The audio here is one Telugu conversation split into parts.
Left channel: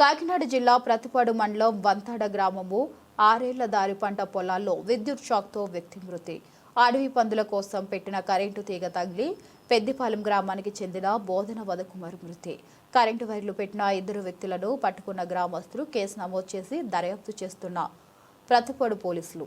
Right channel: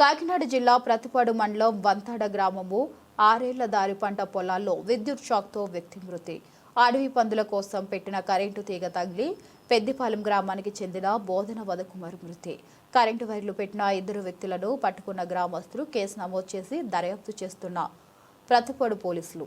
కాకినాడ జిల్లా ప్రతిపాడు మండలం వంతాడ గ్రామము ఆరేళ్ళ దారి పంట పొలాల్లో విద్యుత్ షాక్తో వ్యక్తి మృతి. అడవి పందుల కోసం పెట్టిన కరెంటు తీగ తగిలి పెద్దిపాలెం గ్రామానికి చెందిన బోధన వదకుమార్ మృతి. కరెంటు వైర్లు పెట్టిన ఇద్దరు వ్యక్తులను పట్టుకున్న గ్రామస్తులు కేసు నమోదు చేసి దర్యాప్తు చేస్తున్న ప్రతిపాడు పోలీసులు.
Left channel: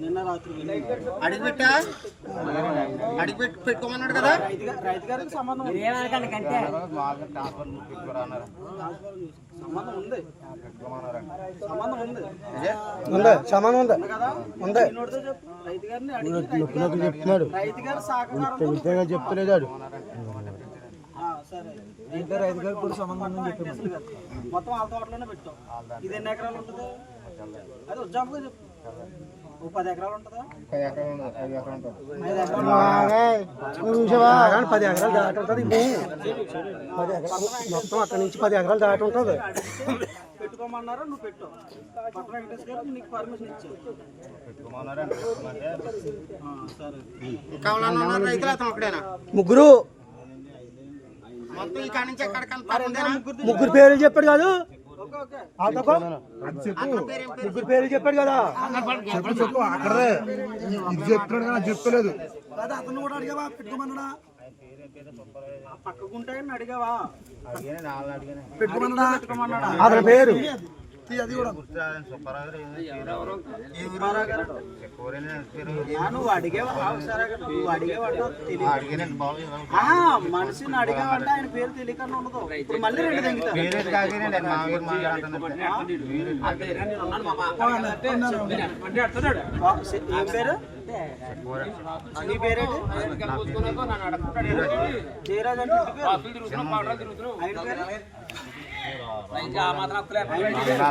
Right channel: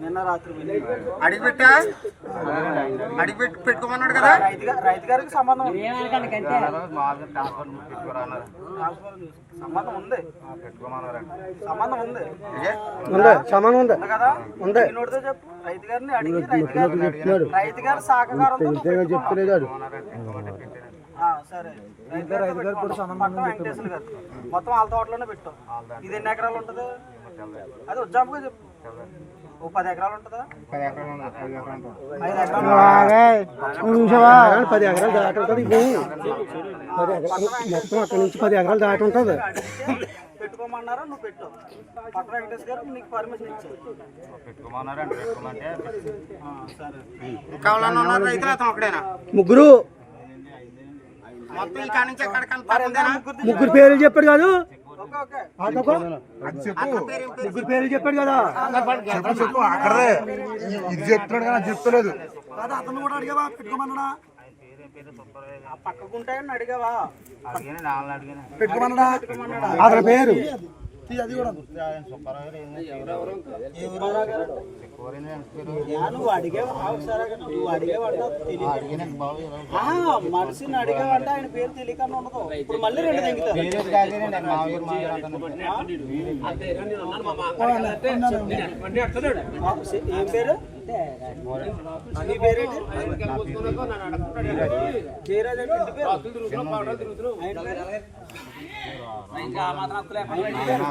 నిన్న రాత్రి అడిగి పెట్టా? అడిగి పెట్టి పెట్టుకోమన్నాడు కదా? రైతు గారికి సంబంధం ఉంది. సంబంధం ఉంది. సంబంధం ఉంది. ఉంది? సంబంధం ఉంది? ఉంది కదా? ఉంది. నోటితో చెప్పు. రైతు గారిని అడిగి రైతు గారి ఇంతగా చెప్తలేదు మొత్తం వెంకటేశ్వర గారు మొత్తం వాళ్ళ తోటలోనే పెట్టాం ఇది ఎన్ని ఎకరాలు ఉంటుంది? అది ఉజ్జాంపుగా చెప్పు. ఓ పది ఎకరాలు ఉంటుందా? ఐదు ఎకరాలు పది ఎకరాలు దాటి ఉంటుంది ఇది పది ఎకరాలు మొత్తం అక్కడి నుంచి పది ఎకరాలు దాటి ఉంటుంది. పెట్టుకోమన్నారు? నువ్వు పెట్టు. పట్ట వెంకటేశ్వర గారు నీకు పర్మిషన్ ఇచ్చారు. సరే. ఉన్నారు రైతులు అతను ఒకడేనా ముగ్గురు. ముగ్గురు పేర్లు చెప్పాడు కాదు. Okay okay. ఆటోకో? ముగ్గురు పేర్లు చెప్పాడు కదా. చెప్పు చెప్పు అక్కడే. ఇది చెప్తున్నాడు కానీ చెప్తలేదు. అతను కూడా అడిగావా? పక్కకుంటాయని అడిగావా? అతని పేరు? అది కూడా మనిషిని అడిగావంటే ఆయన పేరు తెలియకుండా ఉండదు మళ్ళీ రెండు సే- ఏం పేరు నీ పేరేంటి జయరాజ్ అంటే ఇంటి పేరు ఆయన పేరు